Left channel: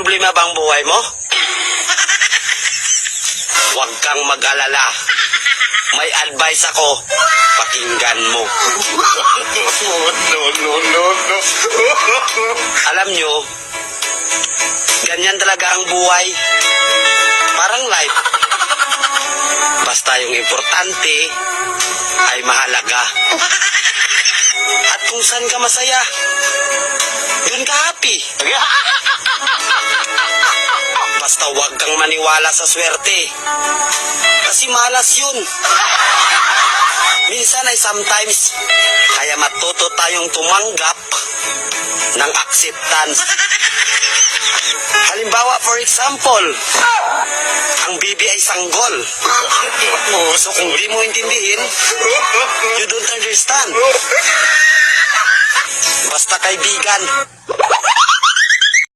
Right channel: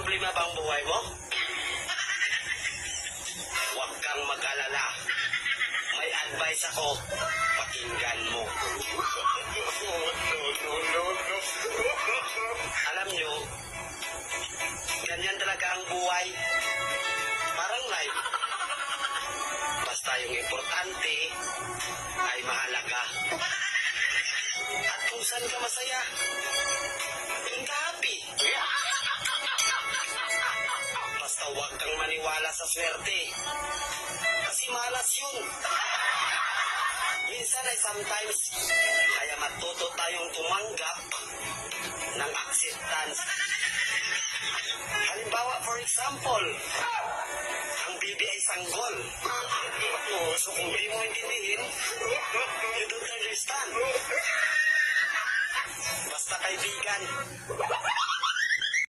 problema bang buhay mo? Huwag kang mag-alala. May advice ako. Pakinggan mo. No. Alam nyo, ganyan talaga ang buhay. Parang life. Basta yung importante ay mahalaga. At kung saan ka masaya, dun ka happy. Basta huwag kang maniwala sa swerte. Kasi malas yun. Minsan ay sometimes, kaya matuto tayong tumanggap ng acceptance. Halimbawa, for example, ang bibi ay sanggol. So kung di mo intindihin, you don't understand. Basta kaibigan.